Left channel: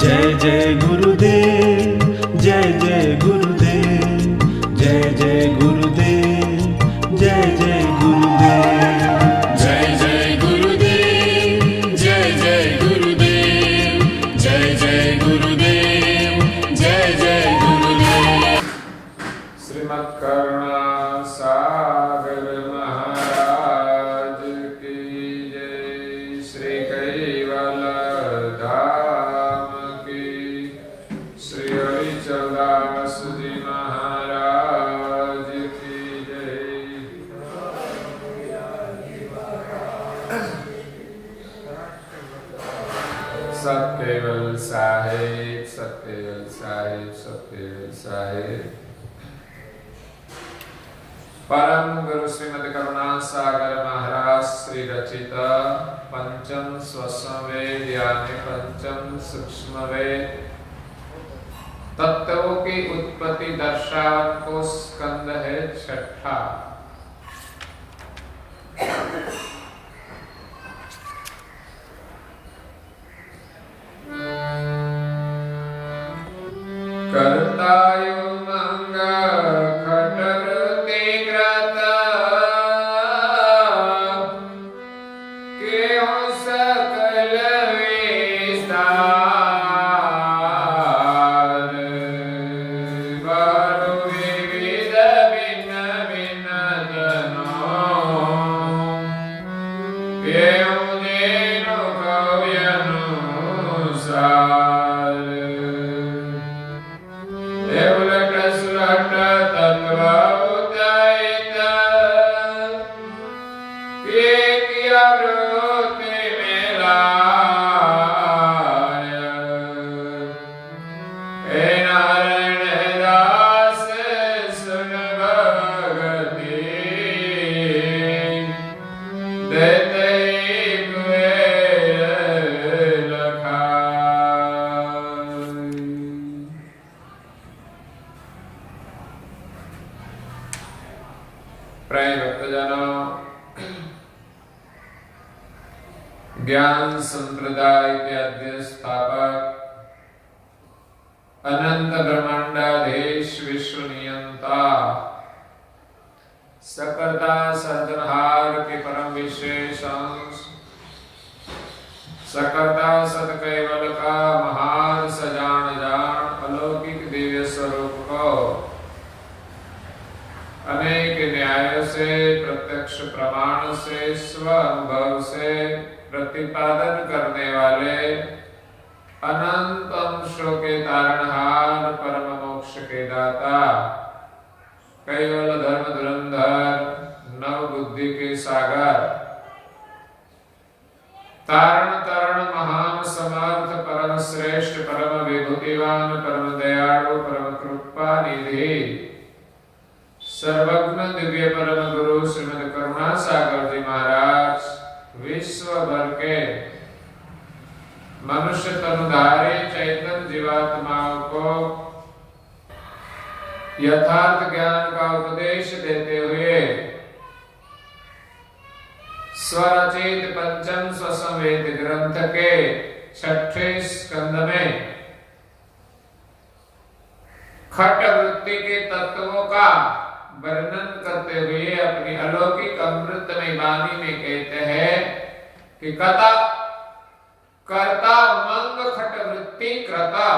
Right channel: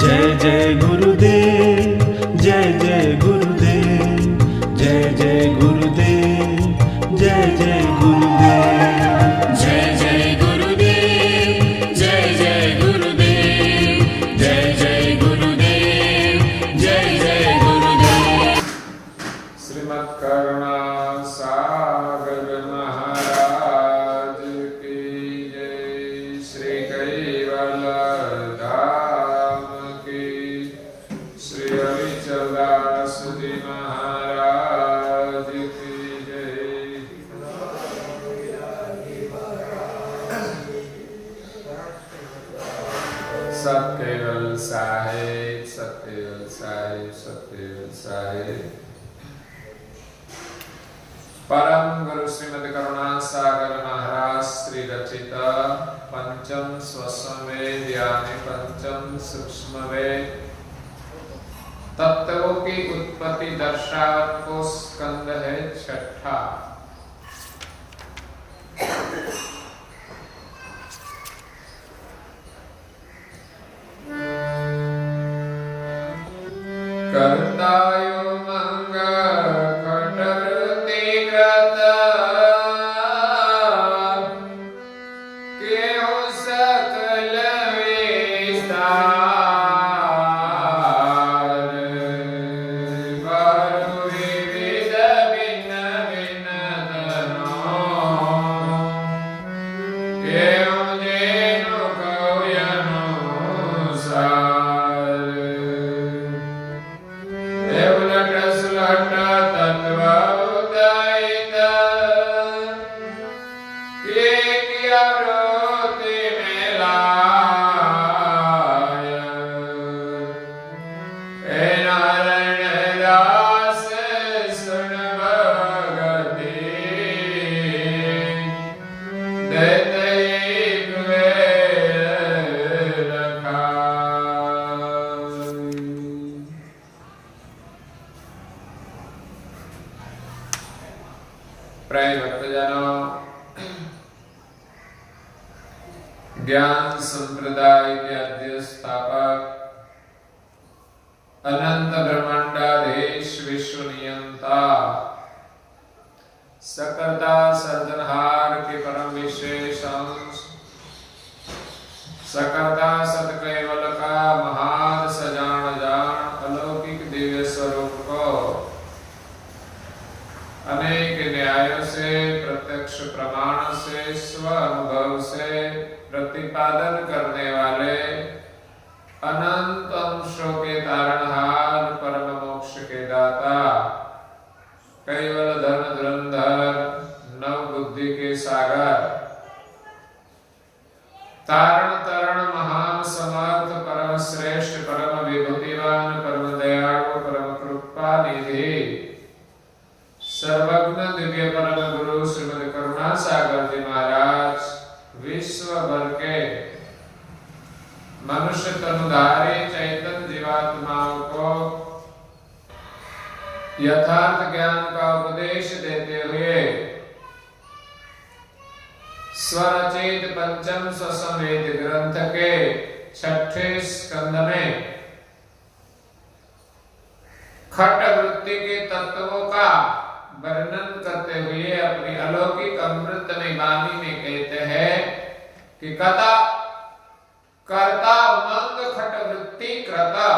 जय जय गुरुदेव, जय जय गुरुदेव, जय जय गुरुदेव, जय जय गुरुदेव। जय जय गुरुदेव, जय जय गुरुदेव, जय जय गुरुदेव, जय जय गुरुदेव। श्रीमद् करुणा सागर महाराज की जय। श्री कैवल धाम की श्री हरिचंदास जी महाराज की जय। सत केवल साहेब, सत केवल साहेब, सत केवल साहेब। परम गुरु श्रीमद करुणा सागर महाराज श्री रचित पंचम स्वसंवेद यानी पंचम सूक्ष्म वेद तत्वों की उत्पत्ति दर्शान को स्कंद है छठा। कर्तायो मंग खटवृत्ति कृत केहो सकल विस्तार वरु विविध भिन्न भिन्न धनो एवं जेनु कव्यनुसार प्रिय भक्तजनों, ज्ञान संप्रदाय के आद्य स्थापक अनंत ब्रह्मांडाधीश विश्व नियंता सकर्ता सर्जनहार के परम विशेष अंश सकर्ता सत केवल का महान सजान जान अलौकिक दिव्य स्वरूप को अनेक न्यायों से प्रत्यक्ष प्रमाण से स्व अनुभव से प्रतिपादन करने वाले अनंत अंशों के तारणहार परम मोक्ष के दाता केवल धर्म धुरंधर नव बुद्धि के सागर तारण तरण महान समर्थ परम श्रेष्ठ परम विभूतिवान परम दयालु परम कृपा निधि सर्वज्ञ दिव्य परम गुरु श्रीमद करुणा सागर जी महाराज विश्व भर के मनुष्य तनुधारी चैतन्य जीवात्माओं को यथार्थ ज्ञान का उपदेश देते हुए स्वरचित पंचम स्वसंवेद ग्रंथ के छठे स्कंद में खट वृत्ति के तत्वों का वर्णन करते हुए अपनी अलौकिक अमृतमय वाणी में कहते हैं कि कथा कर्ता मंग खट वृत्ति कृता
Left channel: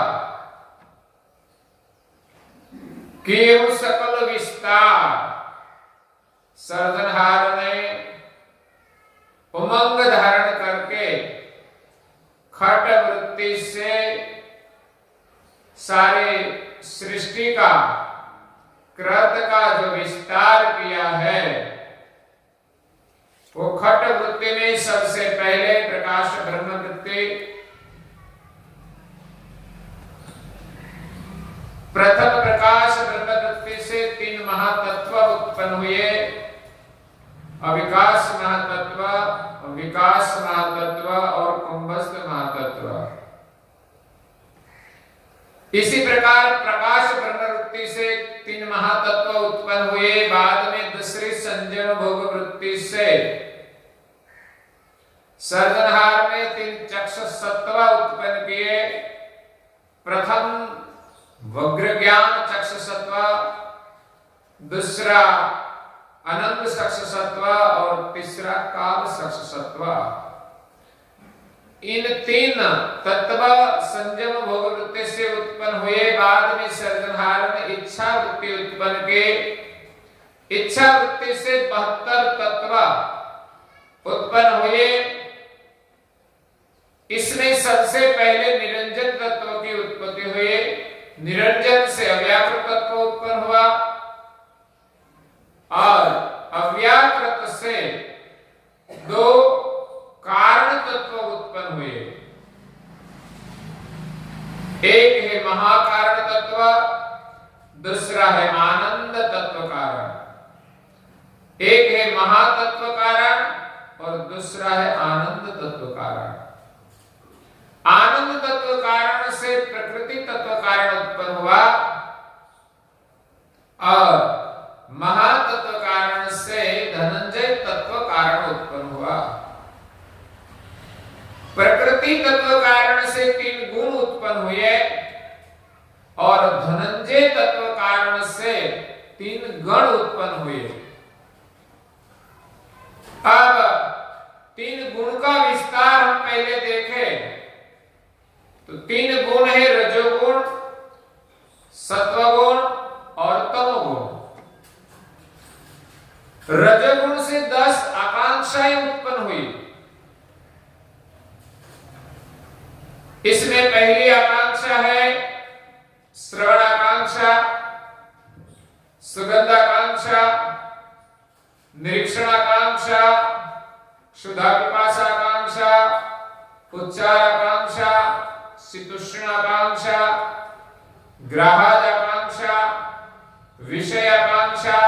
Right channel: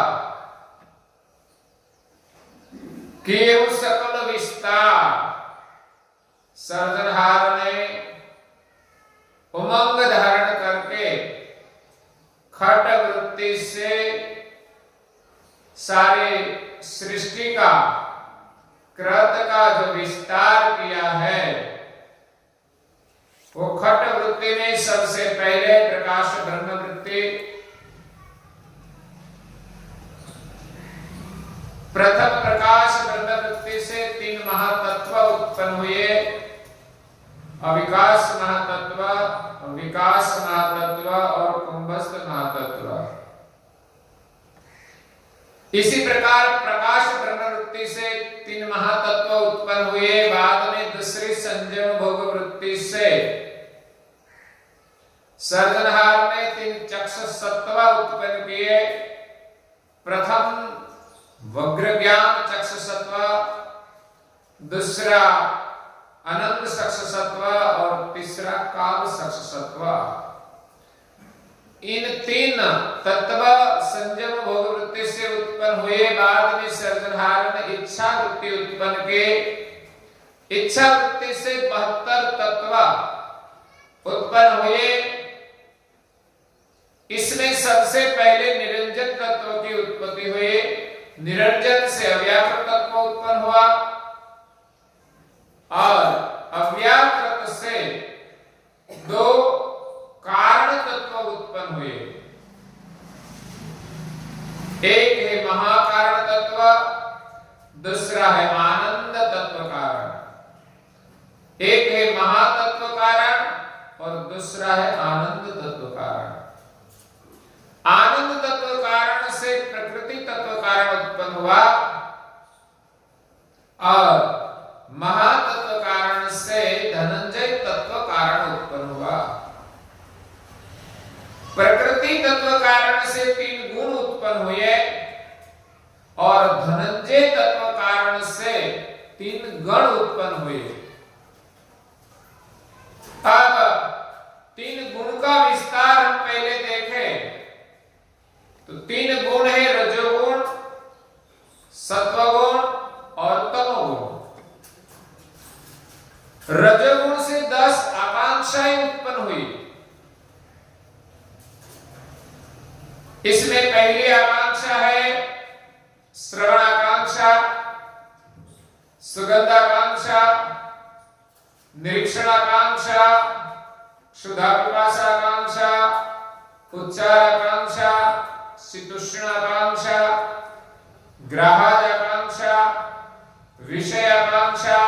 केहु सकल विस्तार। सर्जनहार ने उमंग धारण करके खट वृत्ति से सारी सृष्टि का कृत का जो विस्तार किया है वो खट वृत्ति में सबसे पहले प्रकाश ब्रह्म वृत्ति प्रथम प्रकाश ब्रह्म वृत्ति से तीन महातत्व उत्पन्न हुए अविकास महातत्व, विकास महातत्व और कुंभस्थ महातत्व। इसी प्रकार प्रकाश ब्रह्म वृत्ति से तीन महातत्व उत्पन्न हुए। बाद में दूसरी संयम भोग वृत्ति से सर्जनहार ने तीन चक्षु सत्व उत्पन्न किए। प्रथम वग्र ज्ञान चक्षुसत्व, दूसरा अनंत चक्षुसत्व और तीसरा काल चक्षुसत्व। इन तीन तत्व संयम भोग वृत्ति से उत्पन्न हुए, बाद में सृजनहार ने इच्छा वृत्ति उत्पन्न के, इच्छा वृत्ति से 72 तत्व उत्पन्न हुए। इसमें सबसे पहले निरंजन तत्व की उत्पत्ति हुई, निरंजन से अव्याकृत तत्व उत्पन्न हुआ और अव्याकृत से 2 कारण तत्व उत्पन्न हुए। एक है महाकारण तत्व, दूसरा है आनंद तत्व कारण। एक है महातत्व कारण और दूसरा है आनंद तत्व कारण। आनंद तत्व कारण से प्रकृति तत्व कारण उत्पन्न हुआ और महातत्व कारण से धनंजय तत्व कारण उत्पन्न हुआ। प्रकृति तत्व कारण से 3 गुण उत्पन्न हुए और धनंजय तत्व कारण से 3 गण उत्पन्न हुए। अब 3 गुण का विस्तार हम पहले देखें तो 3 गुण है रजोगुण, सत्वगुण और तमोगुण। रजोगुण से 10 आकांक्षाएं उत्पन्न हुई। इसमें पहली आकांक्षा है श्रवण आकांक्षा, सुगंध आकांक्षा, निरीक्षण आकांक्षा, क्षुधा पिपासा आकांक्षा, उच्चार आकांक्षा, शीतोष्ण आकांक्षा, ग्राहज आकांक्षा, विषय आकांक्षा,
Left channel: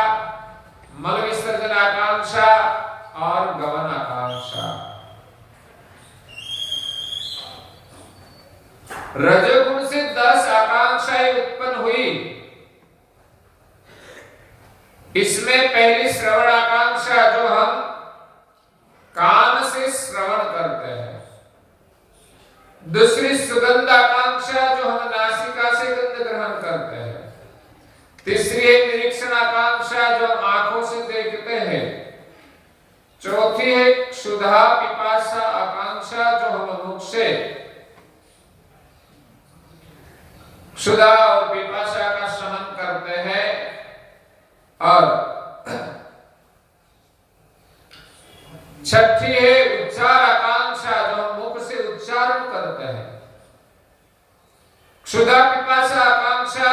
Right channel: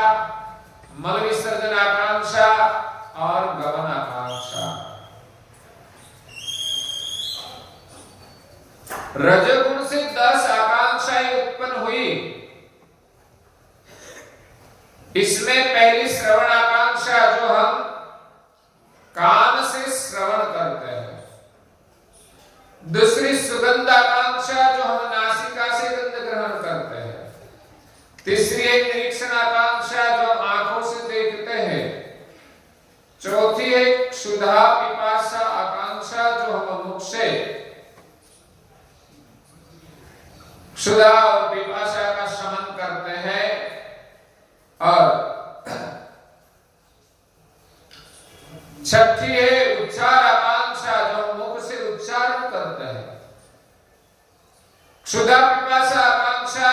मल विसर्जन आकांक्षा और गमन आकांक्षा। रजोगुण से 10 आकांक्षाएं उत्पन्न हुई। इसमें पहली श्रवण आकांक्षा जो हम कान से श्रवण करते हैं, दूसरी सुगंध आकांक्षा जो हम नासिका से गंध ग्रहण करते हैं, तीसरी है निरीक्षण आकांक्षा जो आंखों से देखते हैं, चौथी है क्षुधा पिपासा आकांक्षा जो हम मुख से क्षुधा और पिपासा का शमन करते हैं, और छठी है उच्चार आकांक्षा जो हम मुख से उच्चारण करते हैं। क्षुधा पिपासा आकांक्षा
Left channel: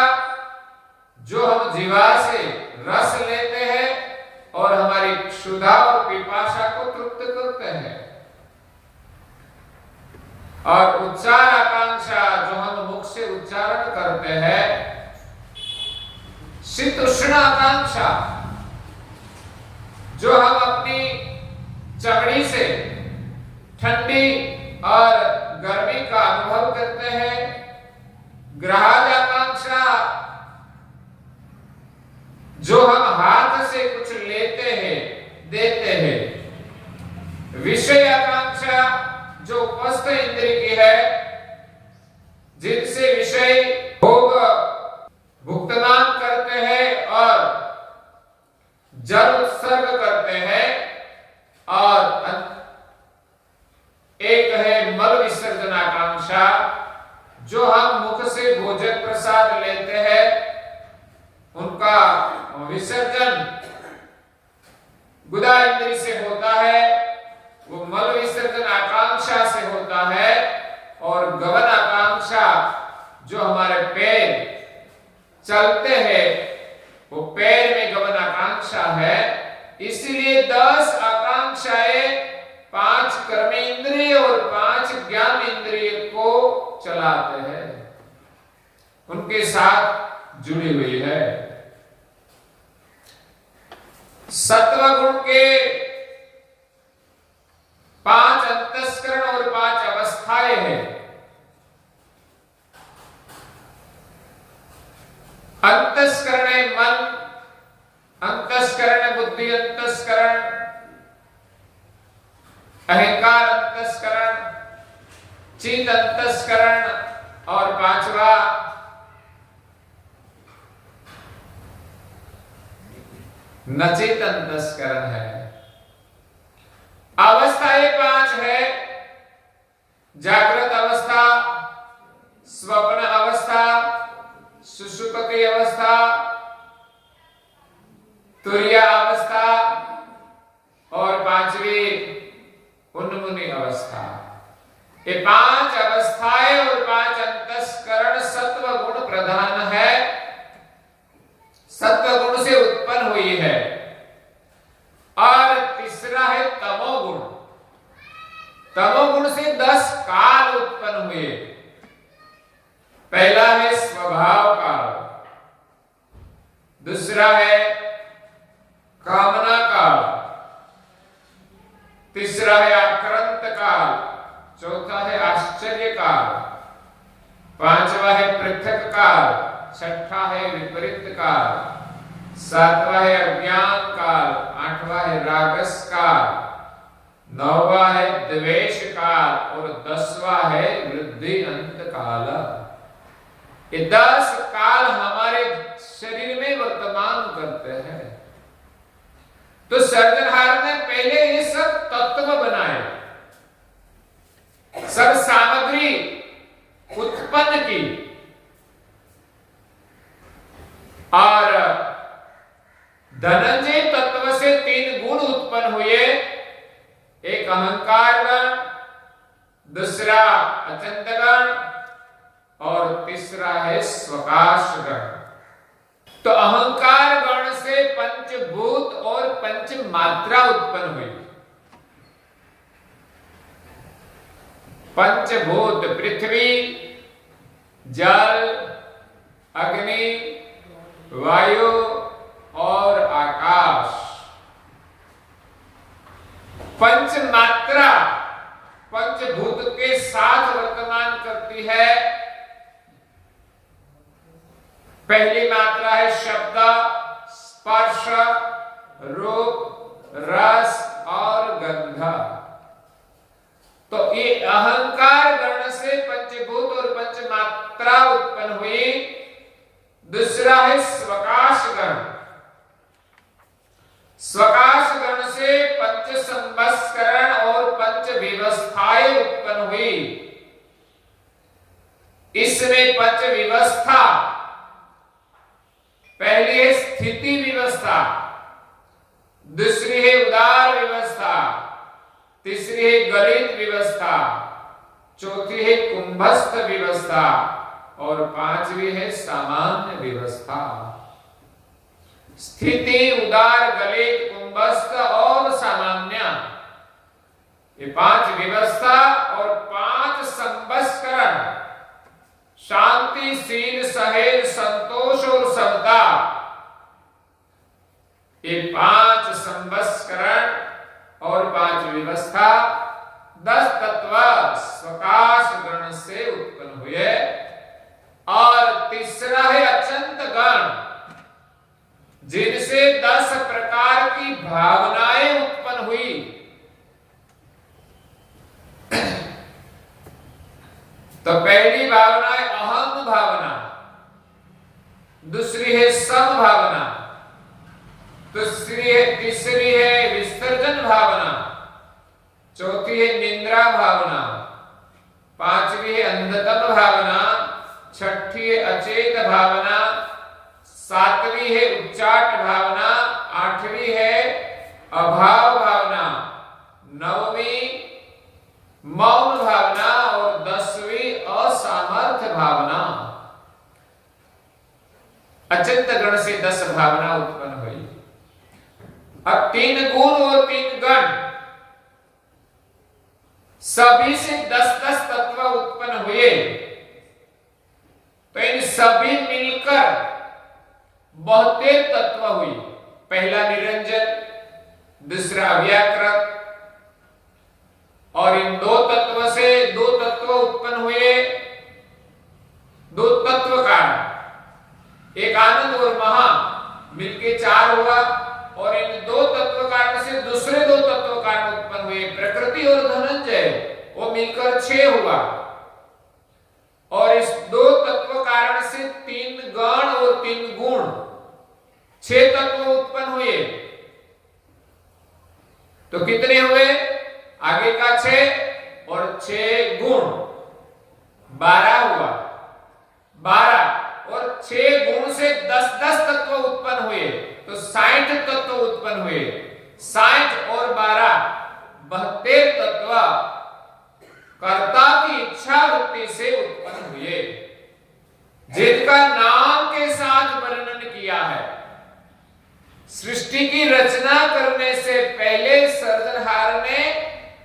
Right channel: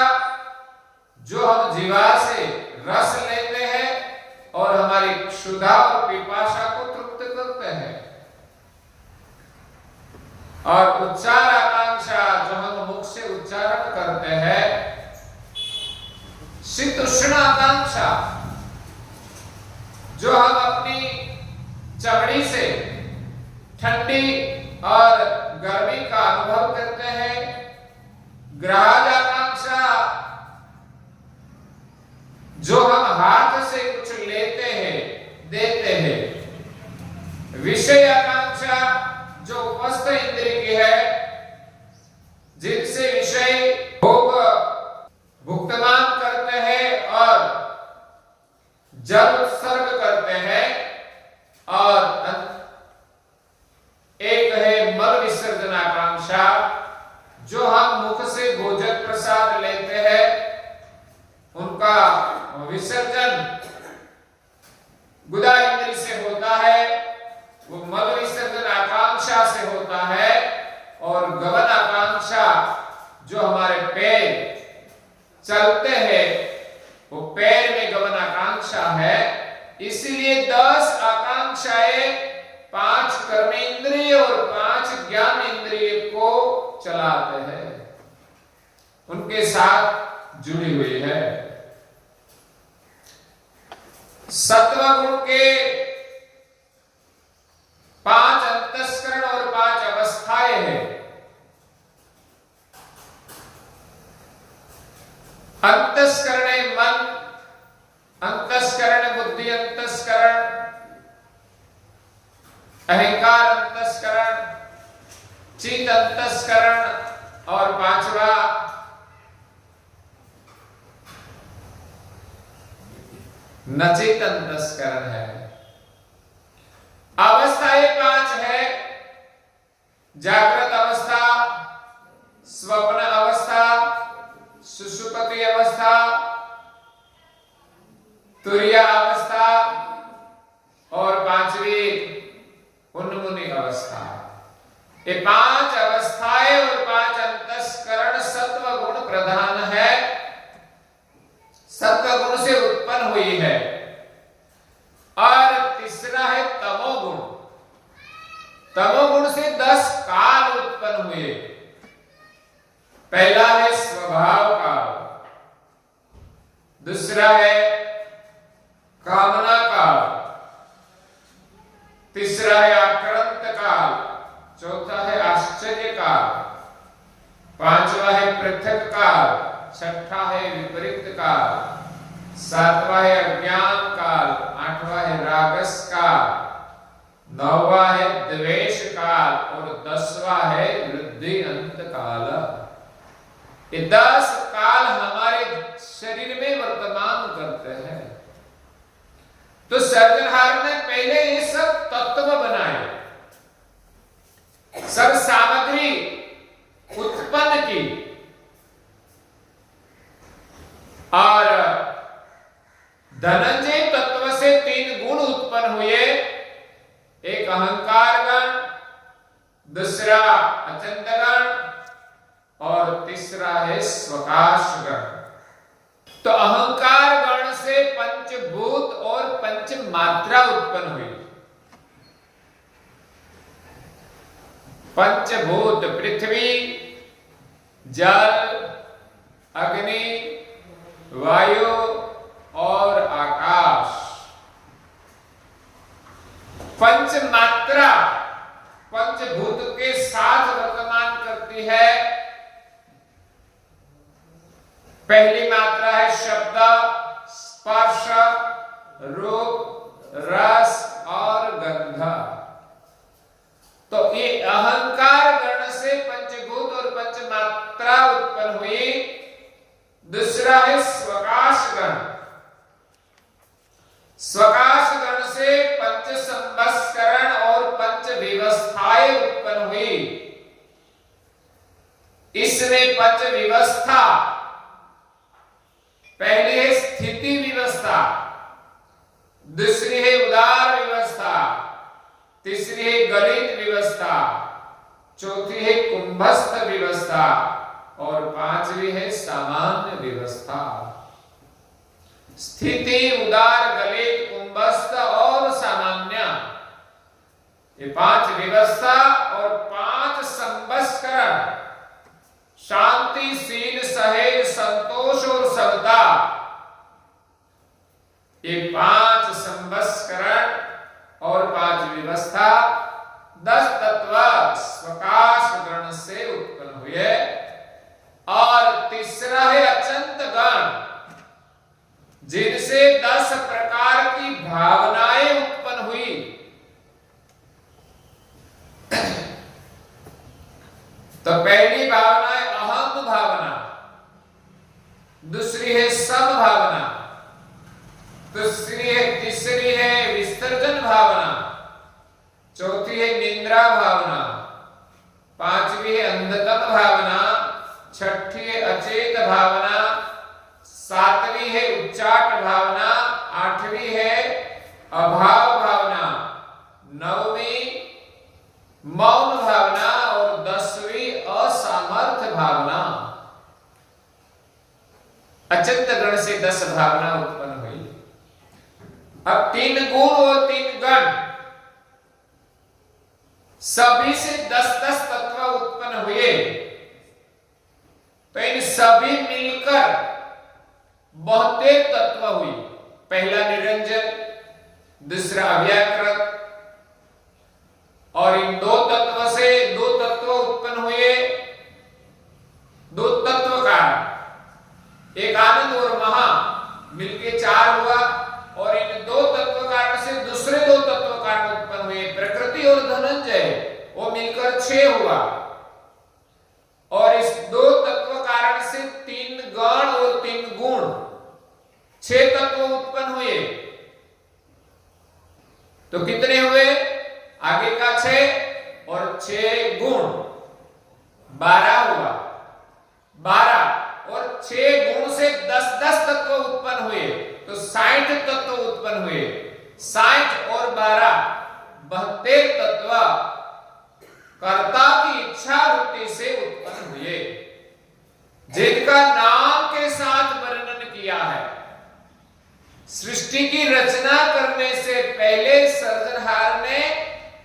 जो हम जीवा से रस लेते हैं और हमारी क्षुधा और पिपासा को तृप्त करते हैं। और उच्चार आकांक्षा जो हम मुख से उच्चारण करते हैं। शीतोष्ण आकांक्षा जो हम अपनी चमड़ी से ठंडी और गर्मी का अनुभव करते हैं। ग्राहज आकांक्षा जो हम हाथ से कुछ लेते हैं, देते हैं। विषय आकांक्षा जो उपस्थ इंद्रिय की है, जिनसे विषय भोग भुगतान करते हैं और जल उत्सर्ग करते हैं। और एक है मल विसर्जन आकांक्षा जो हम मुख से भोजन प्रसाद लेते हैं, उनका विसर्जन गुदा इंद्रिय से होता है, वो मल विसर्जन आकांक्षा से होता है। और गमन आकांक्षा जो हमारे पैर चलते हैं, वो पैर में गमन आकांक्षा है। इसलिए 10 आकांक्षाएं 5 कर्म इंद्रिय और 5 ज्ञान इंद्रिय को चलाते हैं, उनके साथ जुड़ी हुई है। सत्वगुण के 5 अंतस्करण और 5 अवस्थाएं हैं। अंतस्करण है मन, अंतस्करण बुद्धि, अंतस्करण अहंकार, अंतस्करण चित्त, अंतस्करण और पांचवा नचेत अंतस्करण है। अवस्थाएं पांच है, जागृत अवस्था, स्वप्न अवस्था, सुषुप्ति अवस्था, तुरिया अवस्था और पांचवी उन्मुनि अवस्था। ये पांच अवस्थाएं और पांच अंतस्करण सत्व गुण प्रधान है, सत्व गुण से उत्पन्न हुई है। और तीसरा है तमोगुण। तमोगुण से 10 काल उत्पन्न हुए। पहला है स्वभाव काल, दूसरा है कामना काल, तीसरा है आक्रांत काल, चौथा है आश्चर्य काल, पांचवा है पृथक काल, छठा है विपरीत काल, सातवां है अज्ञान काल, आठवां है रागस काल, नौवां है द्वेष काल और 10वां है वृद्धि अंत काल। ये 10 काल हमारे शरीर में वर्तमान करते हैं। तो सर्जनहार ने पहले ये सब तत्व बनाए, सब सामग्री उत्पन्न की और धनंजय तत्व से 3 गुण उत्पन्न हुए। एक अहंकार गण, दूसरा अचंत गण और तीसरा है स्वकाश गण। तो अहंकार गण से पंचभूत और पंच मात्रा उत्पन्न हुई। पंचभूत पृथ्वी, जल, अग्नि, वायु और आकाश। पंच मात्रा पंचभूत के साथ वर्तमान करती है। पहली मात्रा है शब्द, स्पर्श, रूप, रस और गंध। तो ये अहंकार गण से पंचभूत और पंच मात्रा उत्पन्न हुई। दूसरा है स्वकाश गण। स्वकाश गण से पंच संवत्सरण और पंच व्यवस्थाएं उत्पन्न हुई। इसमें पंच व्यवस्था, पहली है स्थिति व्यवस्था, दूसरी है उदार व्यवस्था, तीसरी है गलित व्यवस्था, चौथी है कुंभस्थ व्यवस्था और पांचवी है सामान्य व्यवस्था। स्थिति, उदार, गलित, कुंभस्थ और सामान्य, ये 5 व्यवस्था और 5 संवत्सरण, शांति, शील, सहेज, संतोष और समता, ये 5 संवत्सरण और 5 व्यवस्था 10 तत्व स्वकाश गण से उत्पन्न हुए। और तीसरा है अचंत गण, जिनसे 10 प्रकार की भावनाएं उत्पन्न हुई। तो पहली भावना है अहम भावना, दूसरी है सम भावना, तीसरी है विसर्जन भावना, चौथी है निंद्रा भावना, पांचवी है अंधतम भावना, छठी है अचेत भावना, सातवीं है उच्चाट भावना, आठवीं है अभाव भावना, नौवीं मौन भावना और 10वीं असामर्थ्य भावना। अचंत गण से 10 भावना उत्पन्न हुई। अब 3 गुण और 3 गण सभी से 10-10 तत्व उत्पन्न हुए। तो इन सभी मिलकर 72 तत्व हुई। पहला निरंजन, दूसरा अव्याकृत, और इन 2 तत्व से 2 तत्व उत्पन्न हुए। 2 तत्व कारण, एक आनंद और महा मिलके 4 हुआ, और इन 2 तत्व कारण से दूसरे 2 तत्व कारण उत्पन्न हुए, प्रकृति और धनंजय, वो मिलकर 6 हुआ। और इस 6 तत्व उत्पन्न हुए। तो कितने हुए? आगे का 6 और 6 गुण 12 हुआ। 12 और 6 गुण से 10-10 तत्व उत्पन्न हुए, तो 60 तत्व उत्पन्न हुए। 60 और 12 72 तत्व कर्ता की इच्छा वृत्ति से उत्पन्न हुए, जिनका नाम के साथ वर्णन किया है। सृष्टि की रचना करने से पहले सर्जनहार ने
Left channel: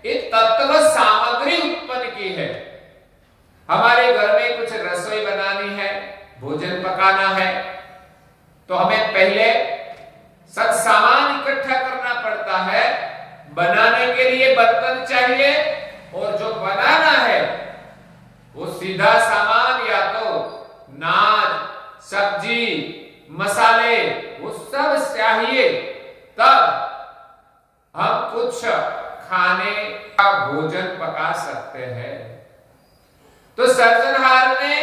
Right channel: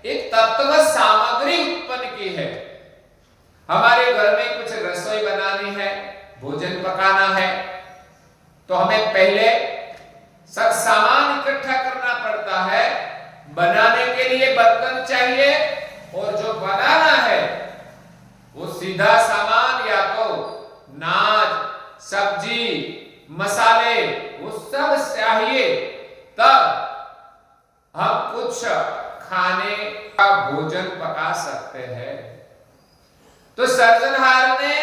एक तत्व सामग्री उत्पन्न की है। हमारे घर में कुछ रसोई बनानी है, भोजन पकाना है, तो हमें पहले सब सामान इकट्ठा करना पड़ता है। बनाने के लिए बर्तन चाहिए, और जो बनाना है वो सीधा सामान, या तो नाज, सब्जी, मसाले, वो सब चाहिए, तब हम कुछ खाने का भोजन पका सकते हैं। तो सर्जनहार ने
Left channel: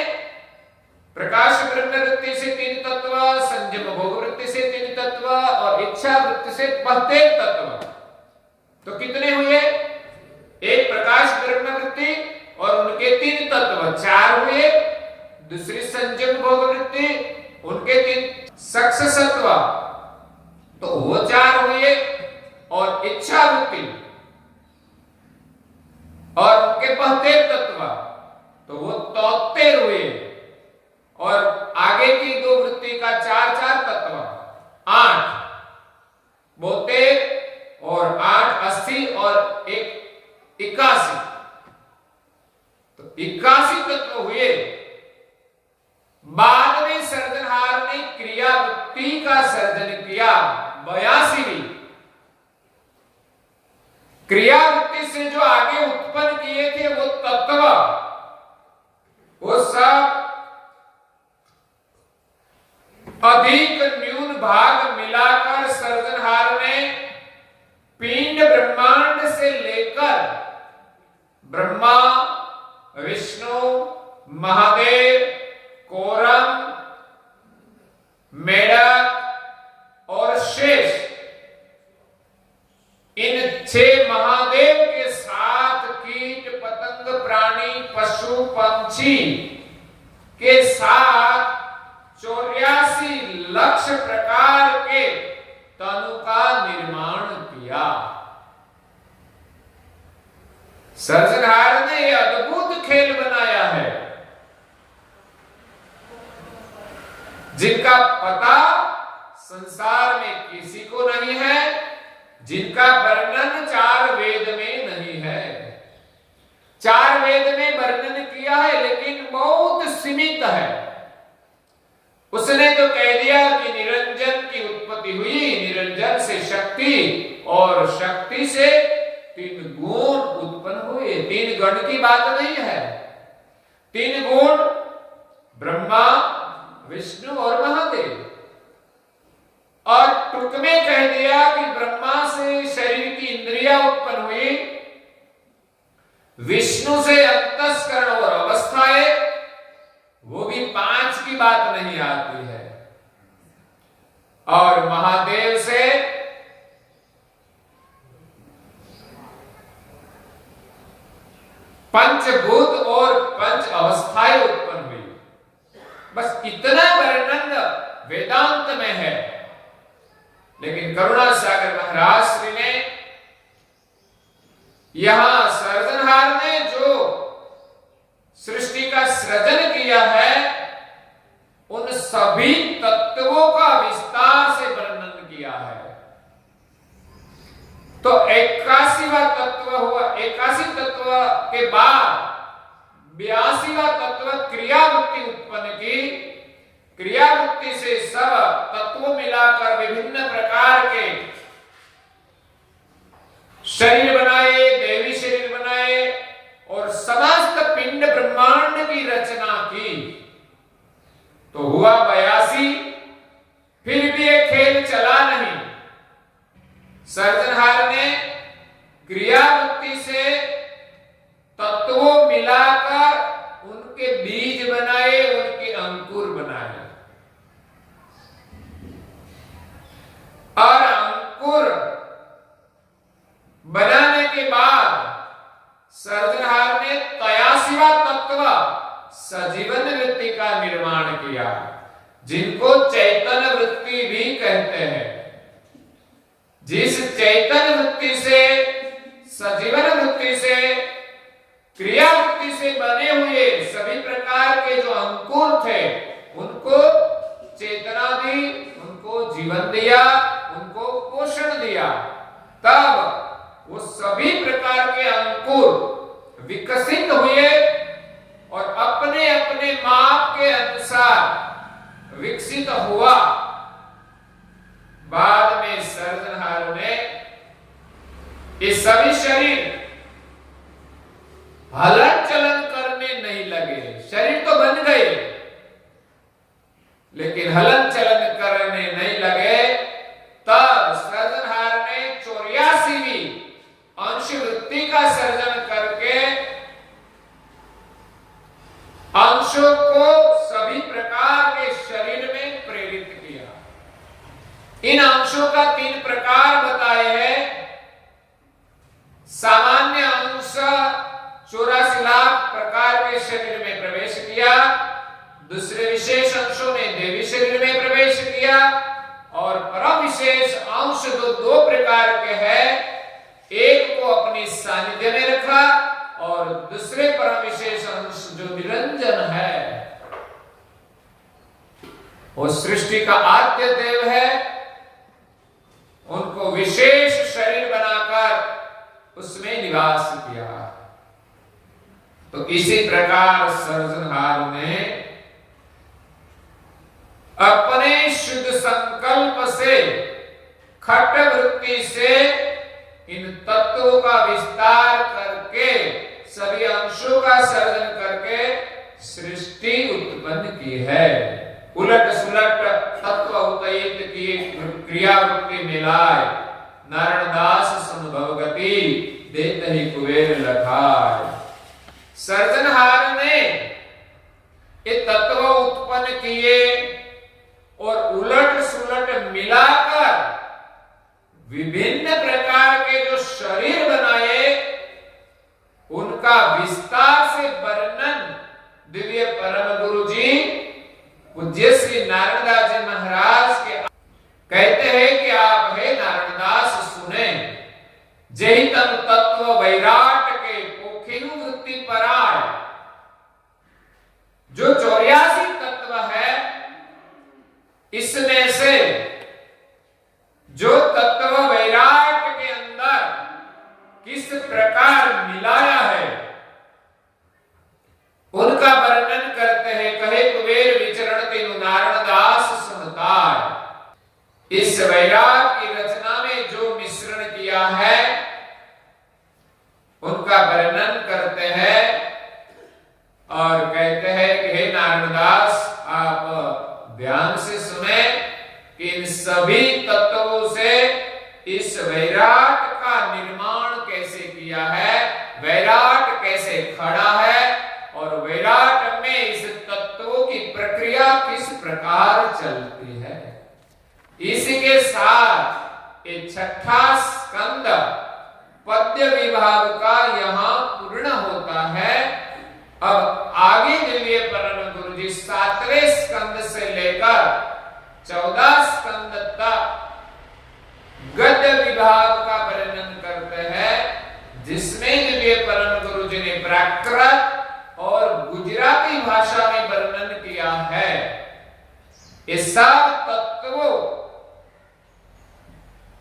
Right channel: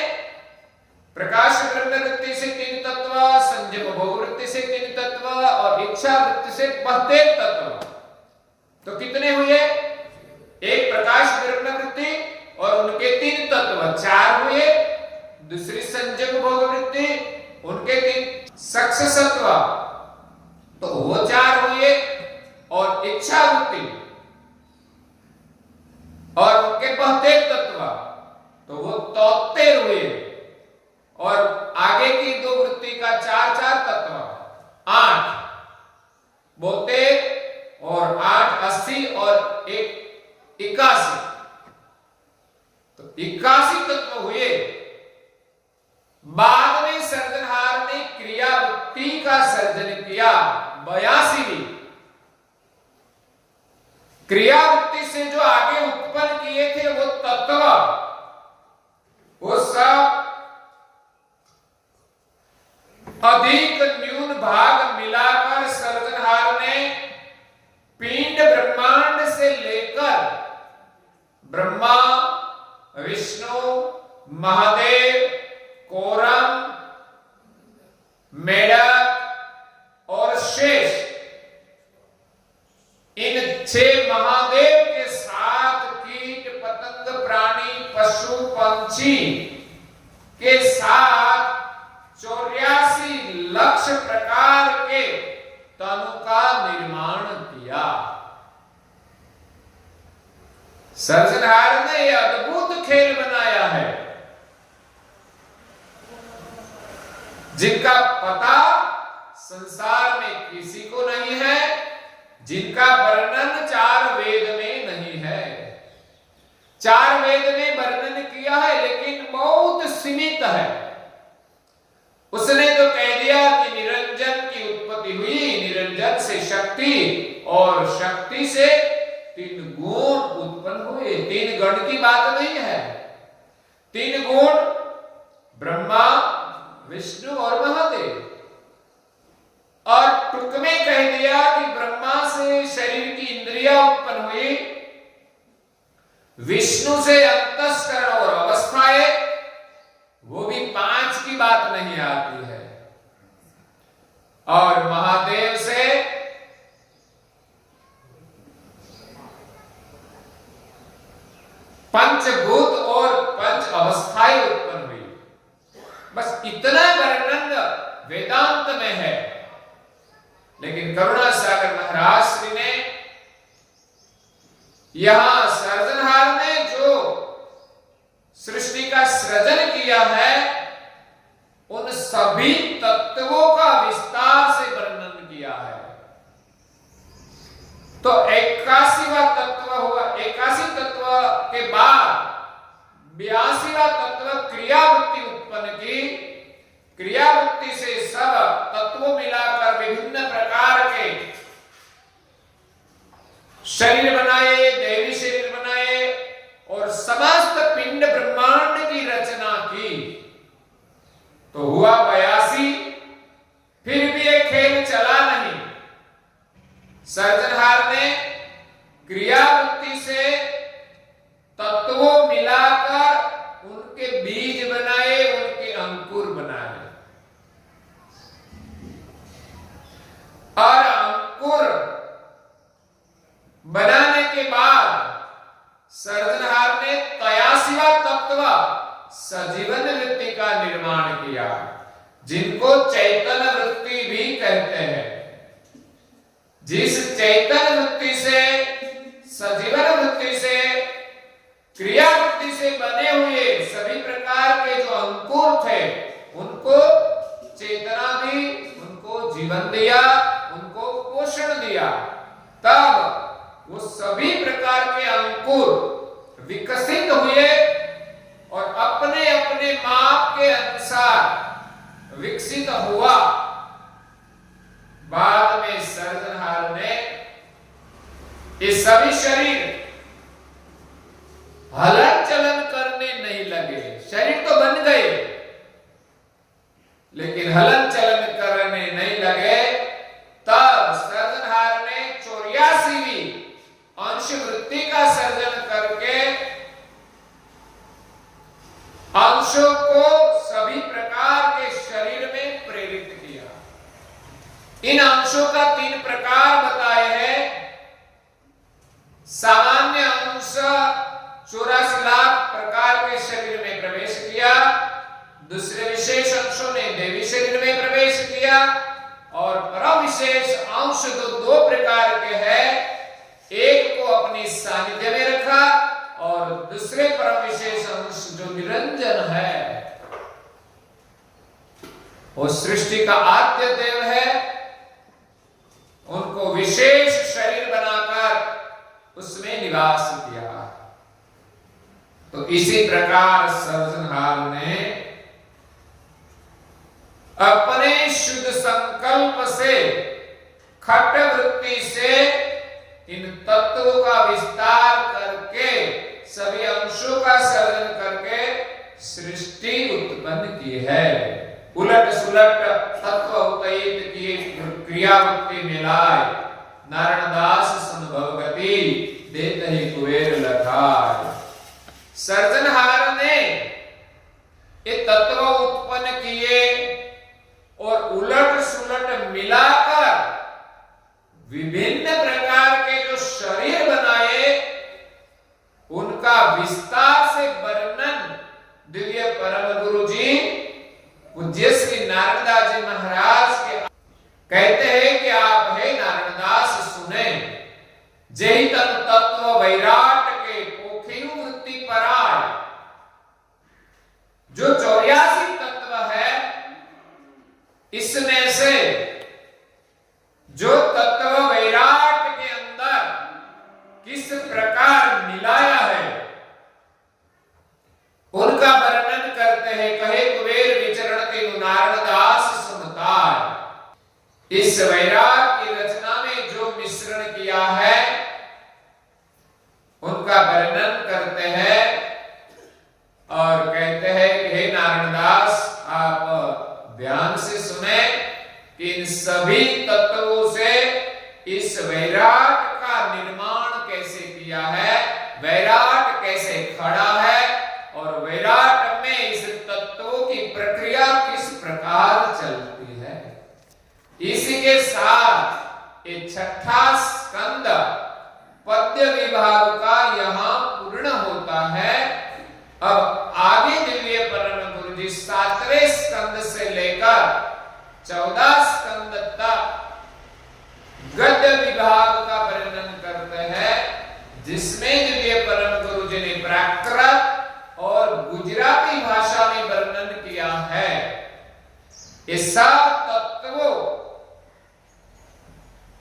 प्रकाश ब्रह्म वृत्ति से 3 तत्व, संयम भोग वृत्ति से 3 तत्व और इच्छा वृत्ति से 72 तत्व। तो कितने हुए? एक प्रकाश ब्रह्म वृत्ति और उनके 3 तत्व 4 हुए। दूसरी संयम भोग वृत्ति, उनके 3 सक्ससत्व, तो वो 4 हुए। और इच्छा वृत्ति और उनके 72 तत्व, तो वो 73 हुए। और आगे की 2 वृत्ति का 4-4 तत्व 8, 72 और 8 80 और 1 81, तो 81 तत्व हुए। बाद में सर्जनहार ने क्रिया वृत्ति का सर्जन किया, 82वीं। क्रिया वृत्ति से जो आगे उत्पन्न किए थे वो तत्व, वो सब अधिक न्यून भाग मिलाकर सर्जनहार ने पिंड ब्रह्मांड से लेकर ब्रह्मा, विष्णु, महादेव, कोरम, मेढक और शेष, इन 6 महादेव के साथ कीट, पतंग, प्राणी, पशु, पंछी के साथ 84 लाख प्रकार के तनु का निर्माण किया। सर्जनहार ने यह अद्भुत खेल बनाया है, जिनका पता संसार में किसी को नहीं है, जिनका वर्णन 4 वेद में नहीं है। 4 वेद में वर्णन किया है, लेकिन बहुत सीमित है। उसने तो कह दिया कि निरंजन की उत्पत्ति हुई, निरंजन से शक्ति और शक्ति से 3 गुण उत्पन्न हुए। 3 गण की बात नहीं है, 3 गुण ब्रह्मा, विष्णु और महादेव। और टुक में कह दिया कि ब्रह्मा से शरीर की इंद्रियां उत्पन्न हुई, विष्णु से अंतस्करण और अवस्थाएं, वो भी 5 की बात नहीं आती है, और महादेव से पंचभूत और 5 अवस्थाएं उत्पन्न हुई। बस इतना वर्णन वेदांत में है। लेकिन करुणा सागर महाराज श्री ने यहां सर्जनहार ने जो सृष्टि का सृजन किया है, उन सभी तत्वों का विस्तार से वर्णन किया है। तो 81वां तत्व हुआ। 81 तत्व के बाद 82वां तत्व क्रियावृत्ति उत्पन्न की। क्रियावृत्ति से सब तत्वों मिलाकर विभिन्न प्रकार के शरीर बनाए, देवी शरीर बनाए और समस्त पिंड ब्रह्मांड की रचना की। तो हुआ 82। फिर भी एक खेल चला नहीं। सर्जनहार ने क्रियावृत्ति से तत्वों मिलाकर उनके बीज बनाए, उनके अंकुर बनाए। सजीवन वृत्ति का निर्माण किया, जिनको चैतन्य वृत्ति भी कहते हैं। जिस चैतन्य वृत्ति से, सजीवन वृत्ति से, क्रिया वृत्ति से बने हुए सभी प्रकार के जो अंकुर थे, उनको चेतना दी, उनको जीवन दिया, उनको पोषण दिया। तब वो सभी प्रकार के अंकुर विकसित हुए और अपने अपने माप के अनुसार विकसित हुआ। बाद में सर्जनहार ने ये सभी शरीर हलन चलन करने नहीं लगे। शरीर तो बन गए, लेकिन हलन चलन करने नहीं लगे। तब सर्जनहार ने 84वीं अंश वृत्ति का सर्जन करके अंशों को सभी प्रकार के शरीर में प्रेरित किया। इन अंशों का 3 प्रकार बताए हैं। सामान्य अंश 84 लाख प्रकार के शरीर में प्रवेश किया। दूसरे विशेष अंशों ने देवी शरीर में प्रवेश किया और परम विशेष अंश दो प्रकार के हैं। एक को अपनी सानिध्य में रखा और दूसरे परम विशेष अंश जो निरंजन है, वो सृष्टि का आद्य देव है, उनको विशेष शरीर बनाकर उसमें निवास किया। तो इसी प्रकार सर्जनहार ने अपने शुद्ध संकल्प से, खट वृत्ति से इन तत्वों का विस्तार करके, सभी अंशों का सर्जन करके सृष्टि उत्पन्न की है। उलट सुलट तत्व उतयित की क्रिया वृत्ति मिलाए, नारायणदास संभवगति देत ही कुबेर लखाए। सर्जनहार ने ये तत्व उत्पन्न किए और उलट सुलट मिलाकर विभिन्न प्रकार के जो शरीर बनाए, उनका विस्तार से वर्णन दिव्य परम गुरु जी पूज्य श्री नारायणदास जी महाराज के कहते हैं कि आप हे नारायणदास सुने, जय तन तत्व वैराट के पोखिनु वृत्ति पराय। जो 84 तत्व है, इसमें से जो तत्व वैराट के अंदर किस प्रकार मिलाया है, उनका वर्णन करते हैं। कहे कुबेर विचरण तेनु नारायणदास सुनताय। इस वैराग की रचना में जो मिश्रण किया है, उनका वर्णन करते हैं और कहते हैं कि हे नारायणदास, आप ध्यान से सुने कि इन सभी तत्वों से इस वैराट का निर्माण कैसे किया है, वैराट कैसे खड़ा है और वैराट में इस तत्वों की प्रक्रिया किस प्रकार चलती है। इसी के साथ ये 6ठा स्कंद पद्य विभाग का यहाँ पूर्ण होता है। अब आगे दिव्य परम गुरु जी 7वें स्कंद से लेकर 14 स्कंद तक गद्य विभाग का वर्णन करते हैं, जिसमें दिव्य परम गुरु जी ने प्राकृत और गुजराती भाषा में वर्णन किया है। ये सब तत्वों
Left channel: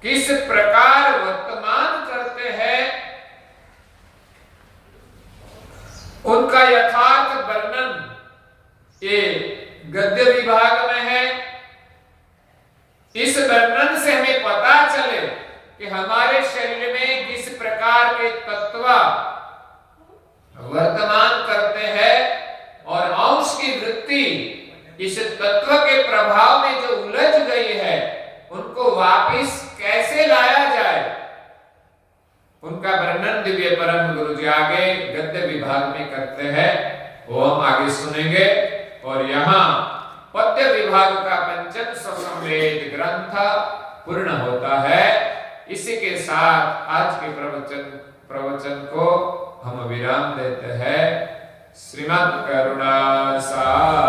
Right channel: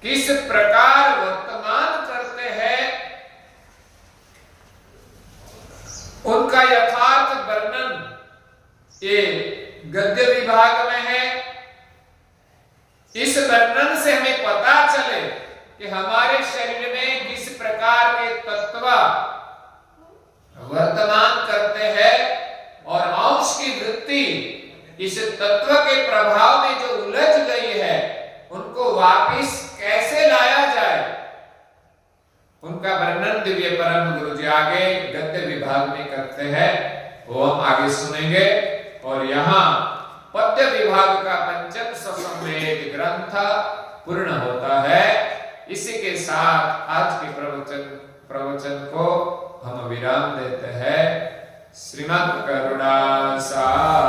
किस प्रकार वर्तमान करते हैं, उनका यथार्थ वर्णन ये गद्य विभाग में है। इस वर्णन से हमें पता चले कि हमारे शरीर में किस प्रकार के तत्व वर्तमान करते हैं और अंश की वृत्ति इस तत्व के प्रभाव में जो उलझ गई है, उनको वापिस कैसे लाया जाए, उनका वर्णन दिव्य परम गुरु जी आगे गद्य विभाग में करते हैं। वो हम आगे सुनेंगे। और यहाँ पद्य विभाग का पंचम ससंवेद ग्रंथ पूर्ण होता है। इसी के साथ आज के प्रवचन को हम विराम देते हैं। श्रीमद् करुणा सागर